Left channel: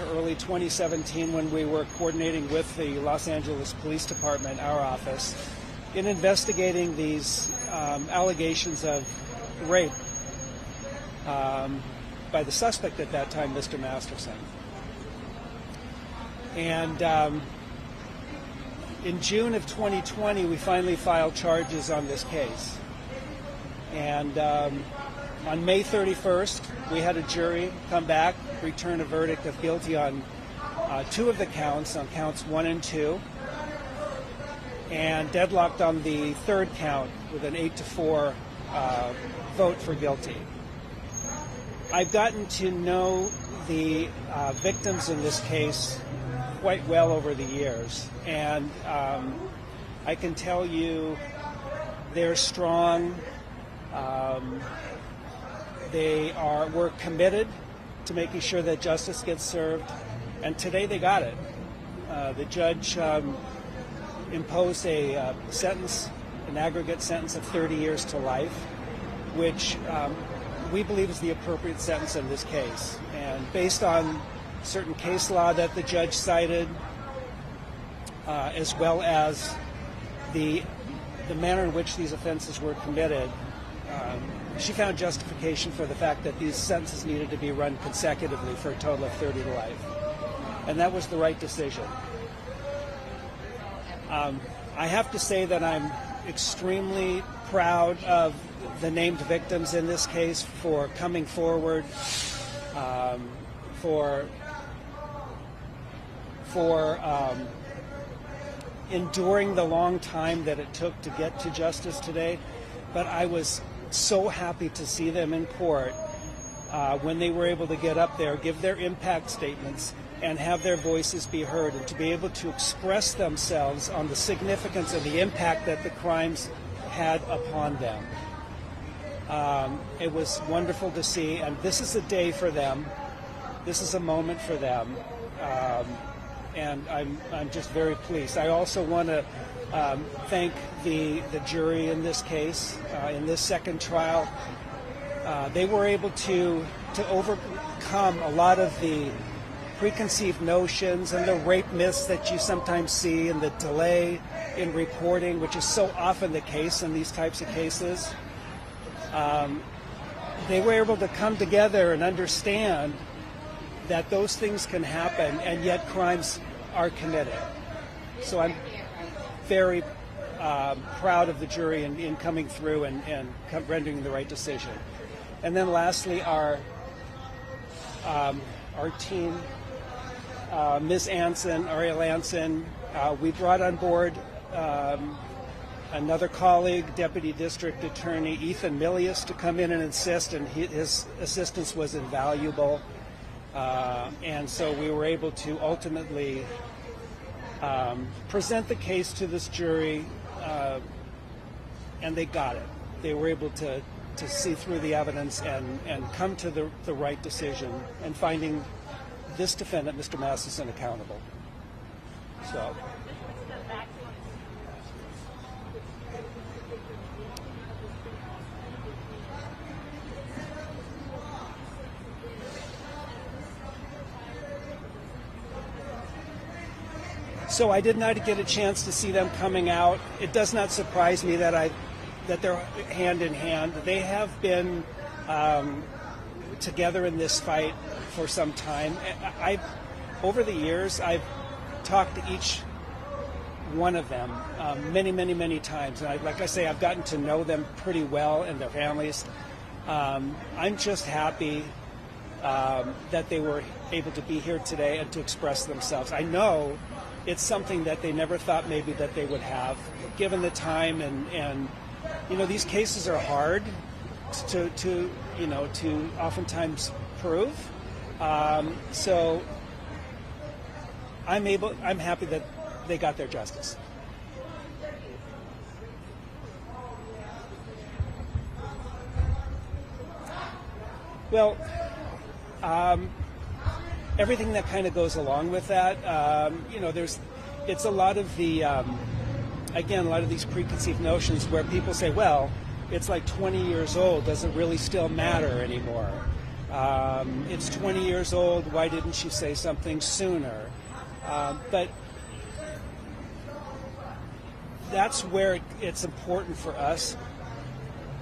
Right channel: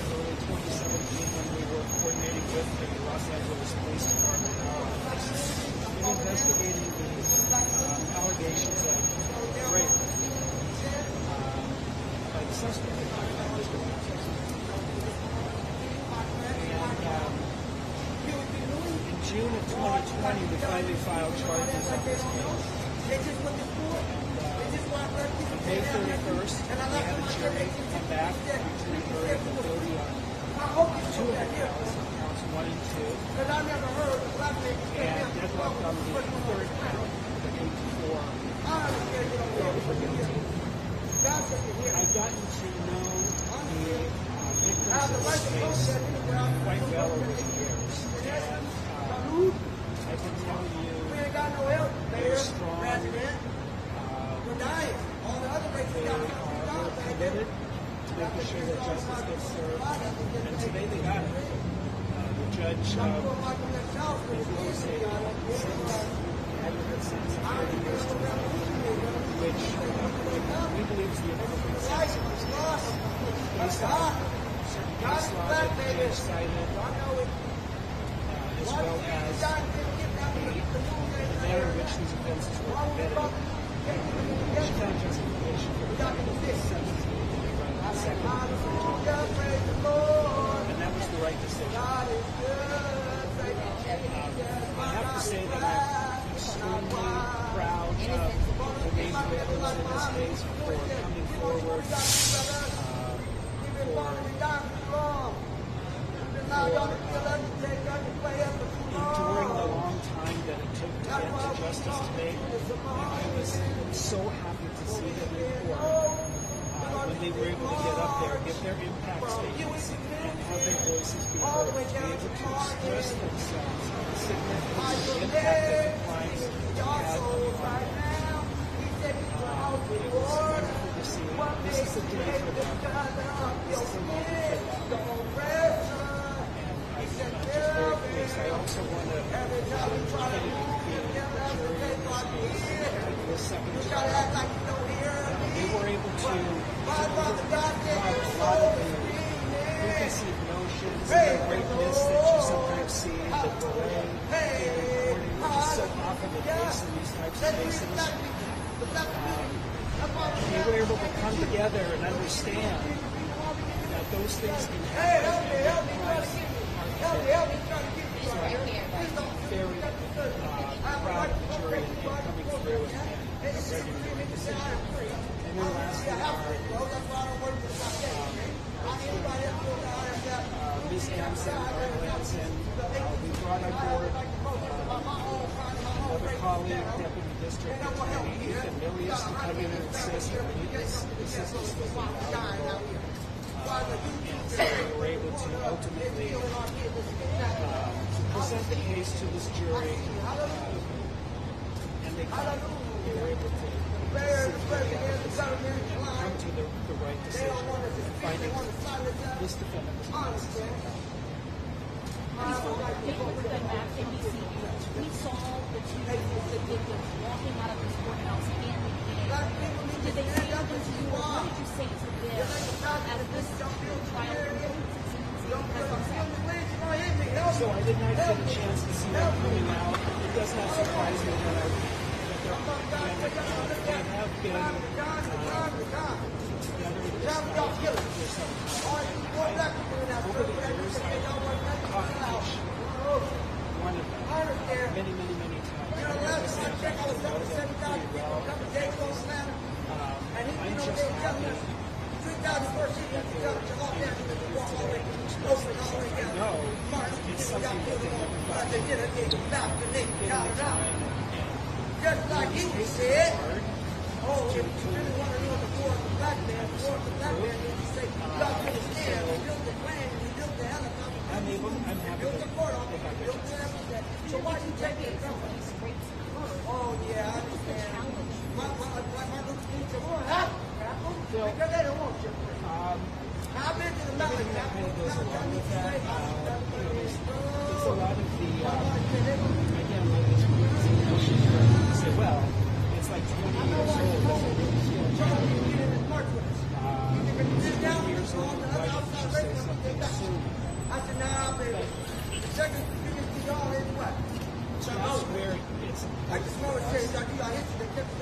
to early 2017 when we were coordinating with the Los Angeles Police Department, our office, in investigating these allegations of rape by the suspect at that time, Mr. Masterson. And in June of 2020, we finally filed charges on this case. And on May 31st, we had a jury come back, return a verdict of guilty on two of the counts, on counts 1 and 2, and deadlocked on the third count with an 8-4 vote for guilty. I've gotten to know the victims in this case quite well over the years, and I can tell you they're strong. We're committed to making sure that justice gets served, and today they got it. The judge imposed a sentence, an aggregate sentence of 30 years to life, which we believe is the appropriate sentence in this case. And based on certain case law that the judge cited, as well as the manner in which these offenses were committed, she found justification for the fact that these sentences needed to be run consecutively for a total of 30 life. And that was the right decision. I have to say that I'm extremely proud of the named victims in this case for coming forward, for enduring the long time that it took to get to justice today. But I was so happy to see them in court when they were able to get up there, give their impact statements, and have their voices be heard, and to be able to express themselves on the significance of the impact that the crimes had upon them. It was wonderful to see, and this is a day for them. This is a moment for them. And I'm just very pleased. I also want to thank the jury in this case, in this second trial. They were able to overcome a lot of the preconceived notions and the rape myths that you sometimes see, and the delay in reporting, which is so often the case in these types of cases. They were able to come together and understand that those things can happen, and yet crimes are committed. So I'm very proud of the jury in coming through and rendering the right decision. And then lastly, our team, Ms. Anson, Ariel Anson, we brought on board another colleague, Deputy District Attorney Ethan Milius, to come in and assist, and his assistance was invaluable. And so we were able to ultimately present the case to this jury, and they got it. They were able to see through the evidence and come to the right decision in finding this defendant, Mr. Masterson, accountable. So I did not get a chance to see them coming out. It does not surprise me that they're hand in hand. They have been together in this fight for some time. Over the years, I've talked to each one of them many, many, many times. And like I say, I've gotten to know them pretty well and their families. I'm just happy that they were able to be here today and to express themselves. I know it's something that they never thought maybe that they would have, given the time, and these cases are hard to oftentimes prove. So I'm happy that they got their justice. Well, everything that kind of goes along with that, it's a lot of the, again, a lot of these preconceived notions where people say, well, it's like 20 years old, does it really still matter anymore? It's 20 years old. Why didn't she say something sooner? But that's where it's important for us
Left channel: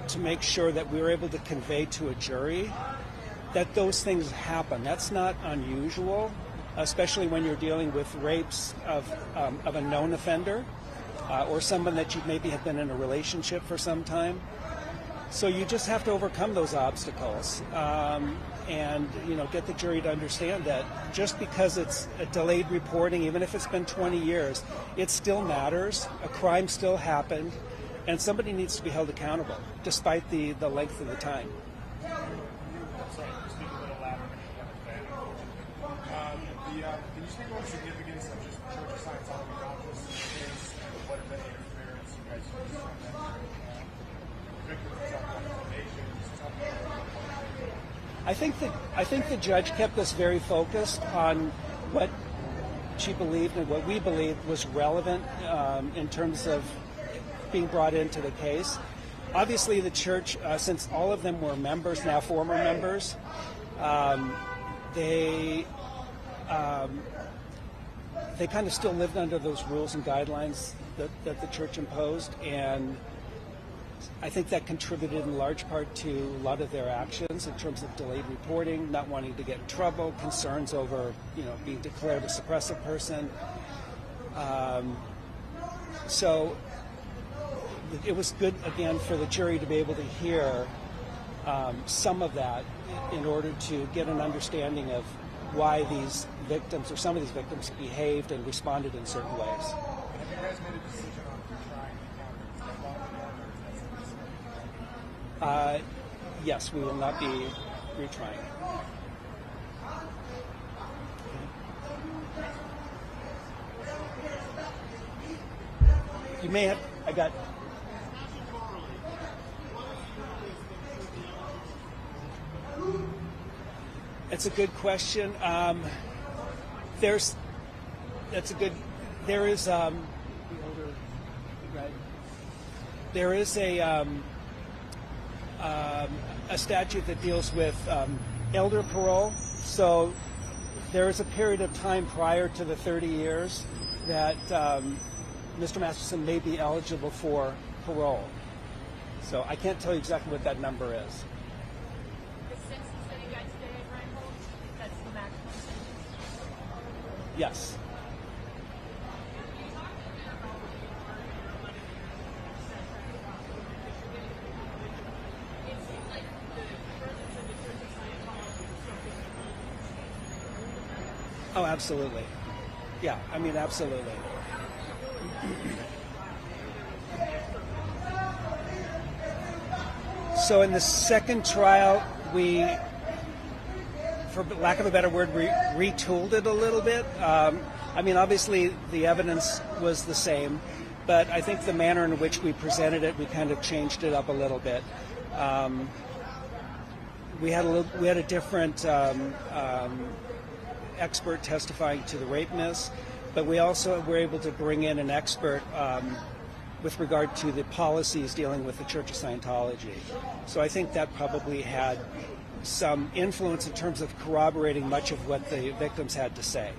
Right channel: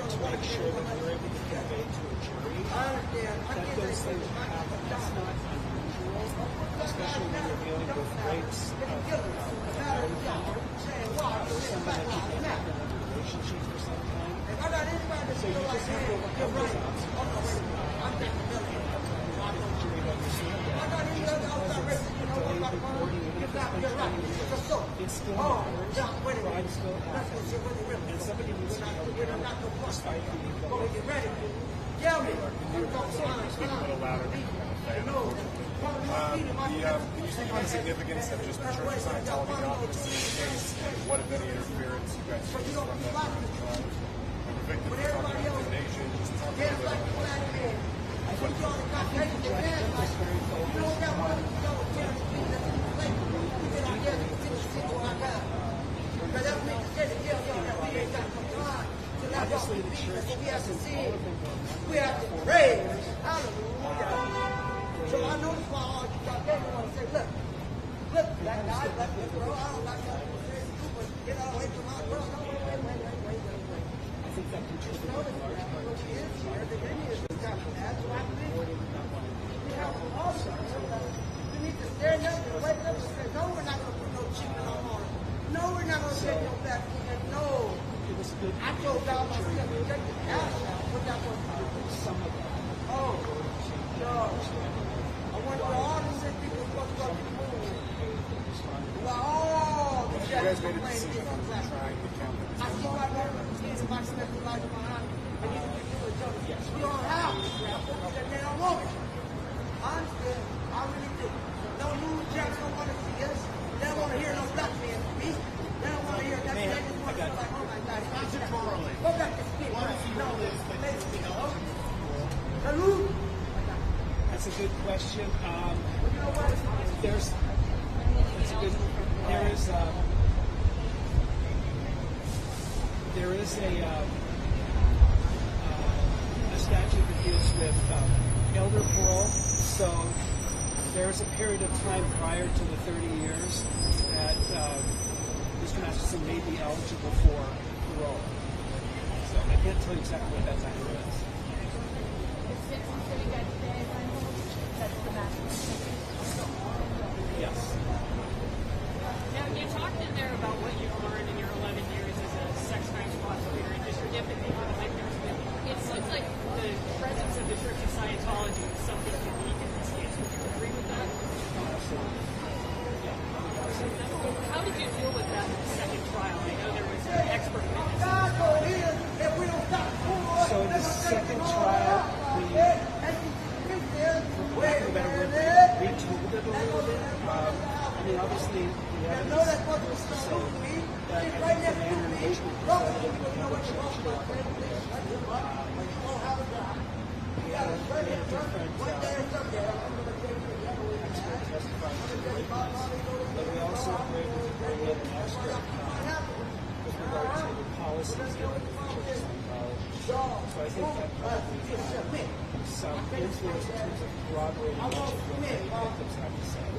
to make sure that we're able to convey to a jury that those things happen. That's not unusual, especially when you're dealing with rapes of a known offender or someone that you maybe have been in a relationship for some time. So you just have to overcome those obstacles and get the jury to understand that just because it's a delayed reporting, even if it's been 20 years, it still matters. A crime still happened, and somebody needs to be held accountable, despite the length of the time. Can you speak about the significance of just Church of Scientology in this case, and what, if any, interference you guys see from that victims of intimidation? I think the judge kept us very focused on what she believed and what we believed was relevant in terms of being brought into the case. Obviously, the church, since all of them were members, now former members, they kind of still lived under those rules and guidelines that the church imposed, and I think that contributed in large part to a lot of their actions in terms of delayed reporting, not wanting to get in trouble, concerns over, being declared a suppressive person. So it was good, again, for the jury to be able to hear some of that in order to get an understanding of why these victims, or some of these victims, behaved and responded in certain ways. You guys made a decision on trying to count them. Yes, we will not be retrying. You may have, I got. It's a good question. There is a statute that deals with elder parole. So there is a period of time prior to the 30 years that Mr. Masterson may be eligible for parole. So I can't tell you exactly what that number is. Yes. Now, you talked in there about what you've learned in your 11 years as a sex crimes prosecutor and just your empathy for the victims. But it seems like the presence of the Church of Scientology is something unique in this case. Would you agree with that? Oh, absolutely. Yeah, I mean, absolutely. How did you deal with that in the second trial? I know there was an expert witness. So in the second trial, we, for lack of a better word, we retooled it a little bit. I mean, obviously the evidence was the same, but I think the manner in which we presented it, we kind of changed it up a little bit. We had a different expert testifying to the rapeness, but we also were able to bring in an expert with regard to the policies dealing with the Church of Scientology. So I think that probably had some influence in terms of corroborating much of what the victims had to say.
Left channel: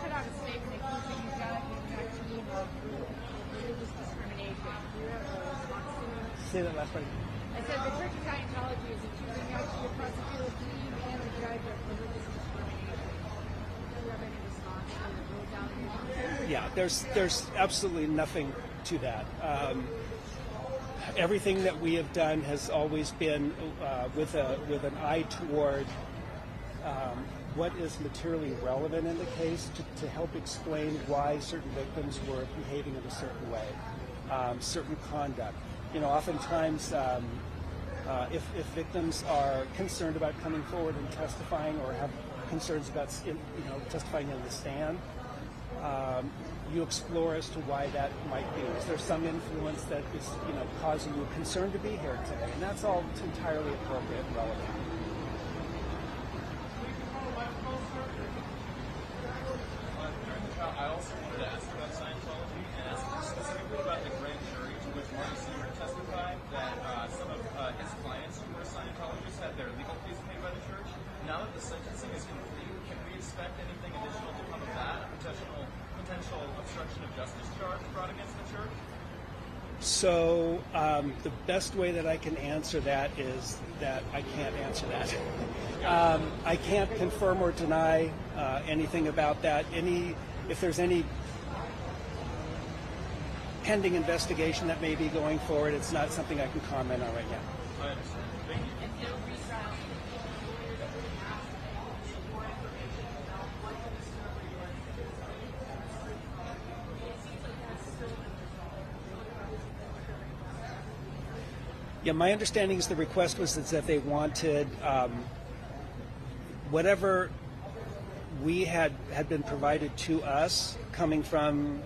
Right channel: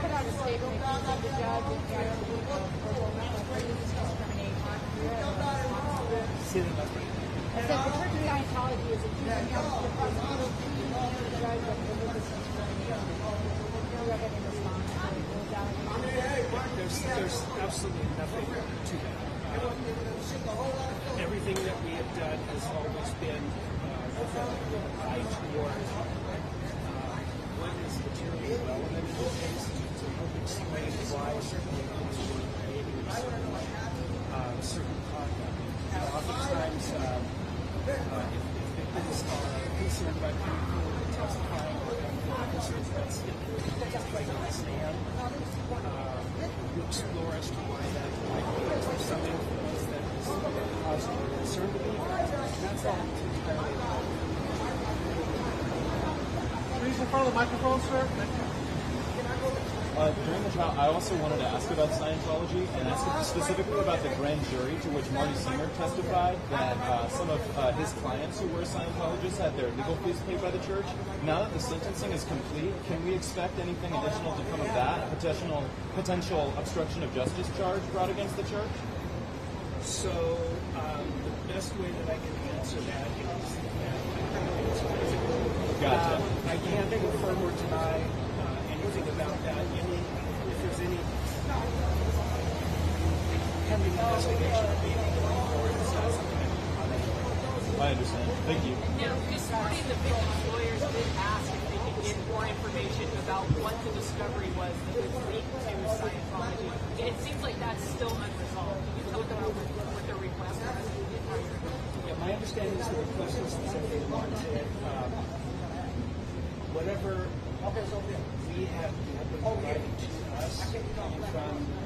Put out a statement accusing the judge of discrimination. See that last right? I said the Church of Scientology is accusing Yeah, there's absolutely nothing to that. Everything that we have done has always been with an eye toward what is materially relevant in the case to help explain why certain victims were behaving in a certain way, certain conduct. Oftentimes, if victims are concerned about coming forward and testifying, or have concerns about testifying on the stand, you explore as to why that might be. Is there some influence that is causing you concern to be there? And that's all entirely appropriate. Please in front of the microphone, sir. During the trial, I also wanted to ask about Scientology and ask specifically about the grand jury to which Marty Singer testified that some of his clients who were Scientologists had their legal fees paid by the church. Now that the sentencing is complete, can we expect anything additional to come of that? Potential obstruction of justice charge brought against the church? So the best way that I can answer that is that I can't answer that. Gotcha. I can't confirm or deny anything about that. If there's any pending investigation that may be going forward, it's not something I can comment on right now. I understand. Thank you. Now, this morning, the victims' lawyers did ask if they could get more information about what the discovery was that was linked to Scientology. And it seems like that's still unresolved. Can you talk about what the request was? Yeah, my understanding is the request was that they wanted whatever we had been provided to us coming from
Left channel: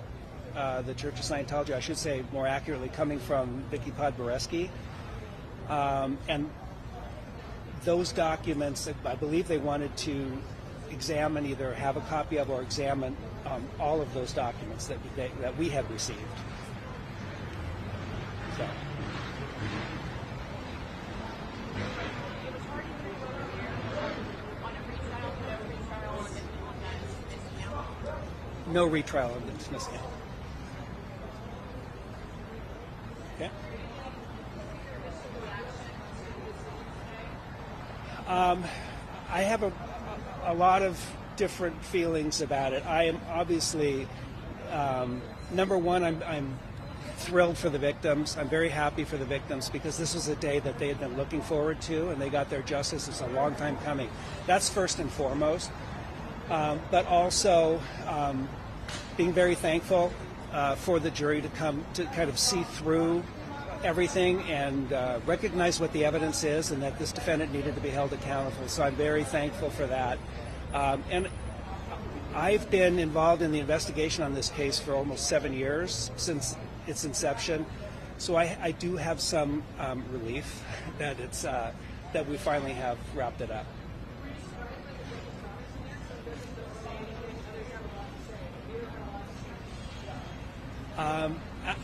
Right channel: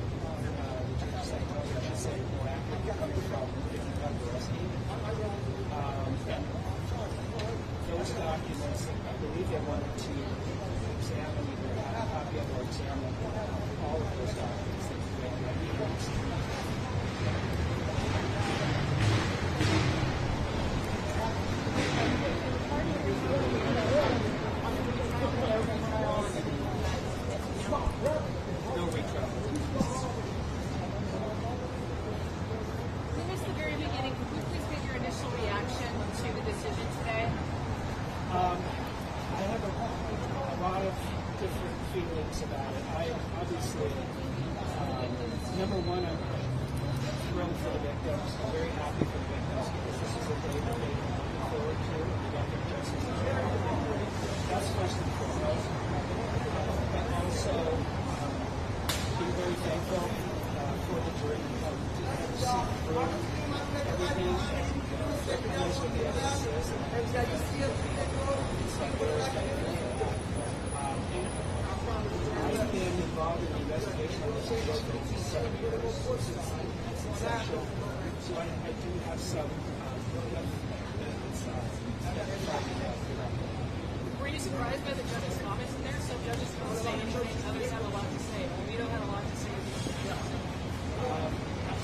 the Church of Scientology, I should say more accurately, coming from Vicky Podboreski. And those documents, I believe they wanted to examine, either have a copy of or examine all of those documents that we had received. No retrial or dismissal. At the very beginning, could you please give your initial reaction to the decision today? I have a lot of different feelings about it. I am obviously, number one, I'm thrilled for the victims. I'm very happy for the victims because this was a day that they had been looking forward to, and they got their justice. It's a long time coming. That's first and foremost. But also being very thankful for the jury to come to kind of see through everything and recognize what the evidence is and that this defendant needed to be held accountable. So I'm very thankful for that. And I've been involved in the investigation on this case for almost 7 years since its inception. So I do have some relief that that we finally have wrapped it up. Were you surprised by the judge's comments in there? Some judges don't say anything, others have a lot to say. You don't have a lot to say.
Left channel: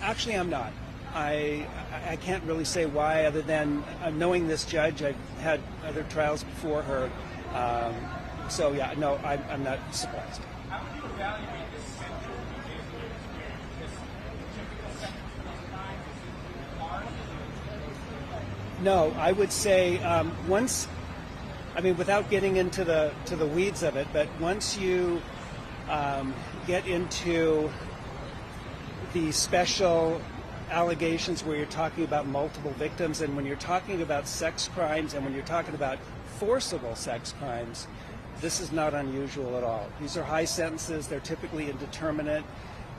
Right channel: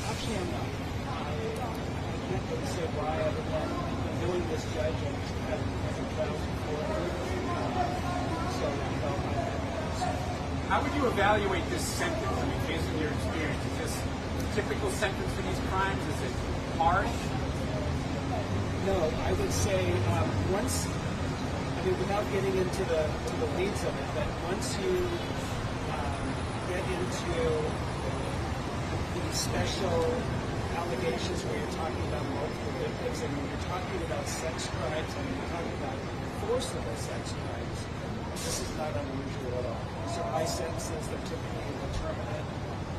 Actually, I'm not. I can't really say why, other than knowing this judge. I've had other trials before her. So yeah, no, I'm not surprised. How would you evaluate this sentence? I mean, based on your experience, is this a typical sentence for these crimes? Is it harsh? No, I would say once. I mean, without getting into the weeds of it, but once you get into the special allegations where you're talking about multiple victims, and when you're talking about sex crimes, and when you're talking about forcible sex crimes, this is not unusual at all. These are high sentences. They're typically indeterminate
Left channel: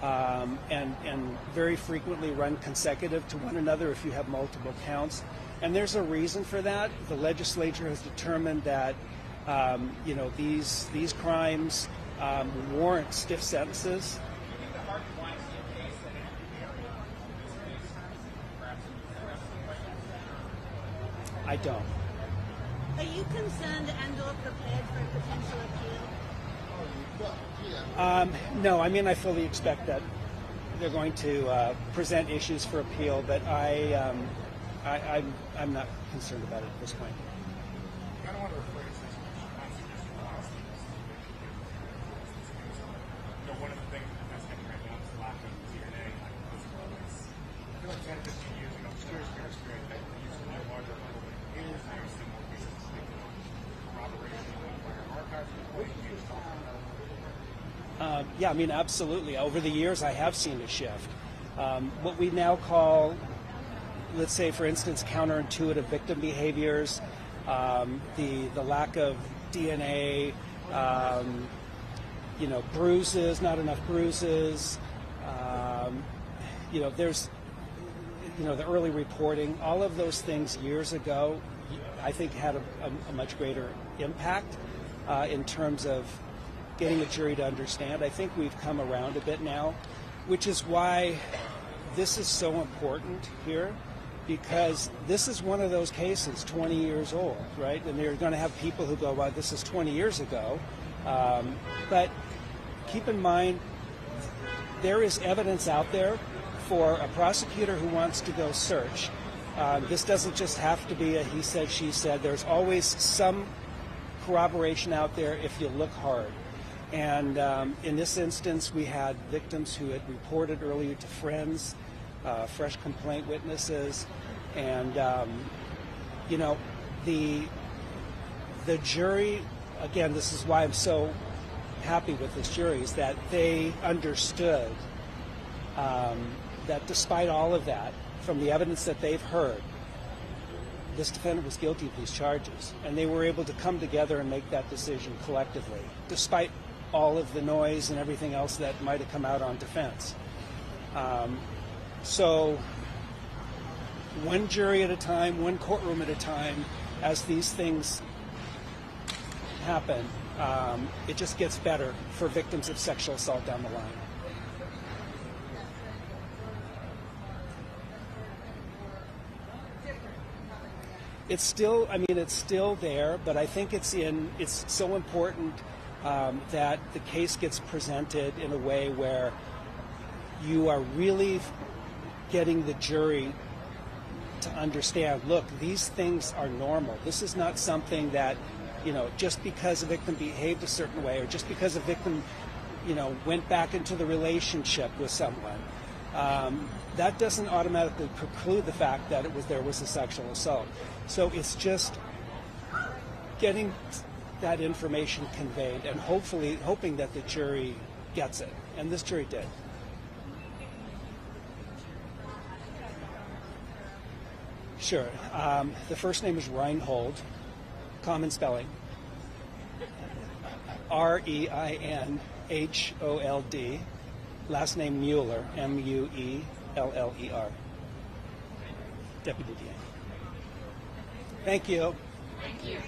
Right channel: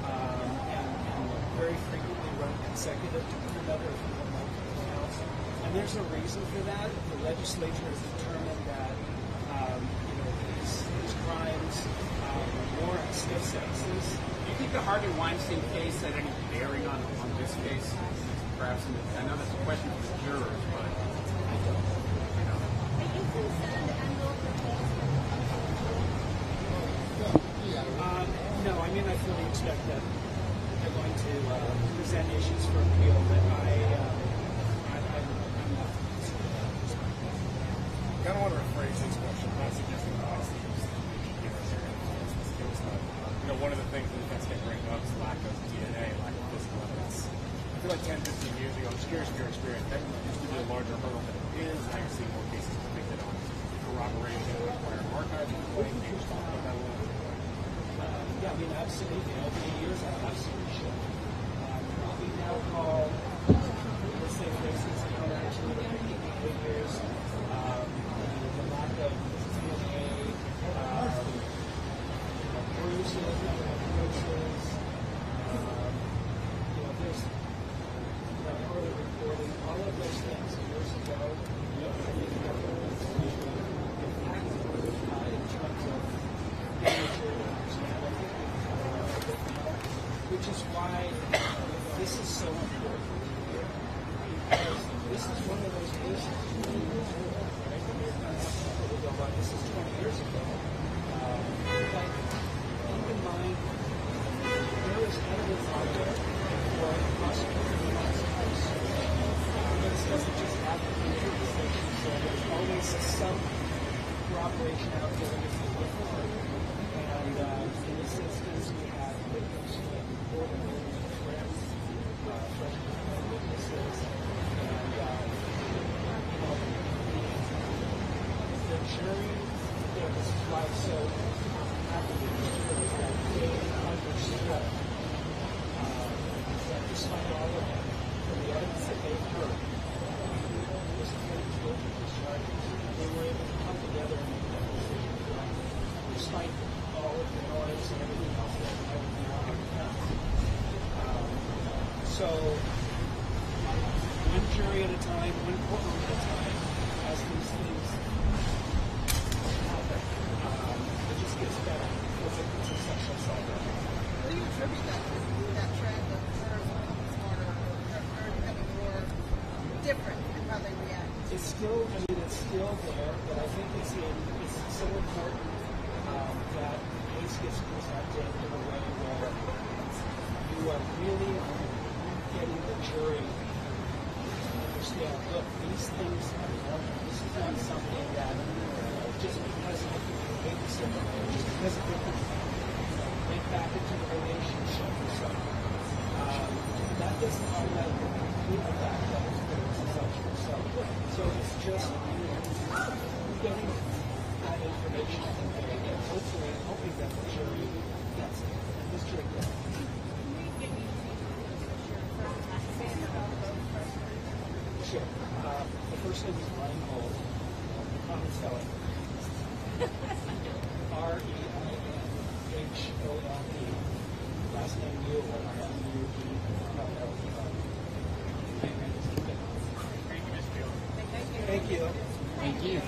and very frequently run consecutive to one another if you have multiple counts. And there's a reason for that. The legislature has determined that these crimes warrant stiff sentences. Do you think the Harvey Weinstein case had any bearing on this case? Perhaps, I know that's a question for the jurors, but I don't. Are you concerned and or prepared for potential appeal? No, I mean, I fully expect that they're going to present issues for appeal, but I'm not concerned about it at this point. I kind of want to rephrase this question. I'm not suggesting the honesty is this case, but one of the things that that's getting right now is lack of DNA, lack of physical evidence. I feel like 10, 15 years ago, I'm just curious from your experience, that used to be a larger hurdle than it is. Now you're seeing more cases convicted on corroboration, acquiring archives. What do you think is talking about a little bit? Yeah, I mean, absolutely. Over the years, I have seen a shift. What we now call, let's say, for instance, counterintuitive victim behaviors, the lack of DNA, bruises, not enough bruises. There's, the early reporting. All of those things years ago, I think, had a much greater impact in terms of getting the jury to understand. I think we've come around a bit now, which is why this is so important here, because this is one of those cases 20 years old, right? And you're going to have people who go, well, this is 20 years ago. But keep in mind, there is evidence out there for a prosecutor who wants to go search. This doesn't just have to be a he said, she said. There's always some corroboration out there if you look hard. And in this instance, we had victims who had reported earlier to friends, fresh complaint witnesses, and the jury. Again, this is why I'm so happy with these juries, that they understood that despite all of that, from the evidence that they've heard, this defendant was guilty of these charges, and they were able to come together and make that decision collectively, despite all of the noise and everything else that might have come out on defense. So one jury at a time, one courtroom at a time, as these things happen, it just gets better for victims of sexual assault down the line. Do you attribute that trend of jurors becoming more different in how they react? It's still there, but I think it's so important that the case gets presented in a way where you are really getting the jury to understand, look, these things are normal. This is not something that, just because a victim behaved a certain way, or just because a victim, went back into the relationship with someone, that doesn't automatically preclude the fact that there was a sexual assault. So it's just getting that information conveyed and hoping that the jury gets it. And this jury did. Sure. The first name is Reinhold, common spelling. Reinhold. Last name Mueller, Mueller. Deputy. Thank you. Thank you.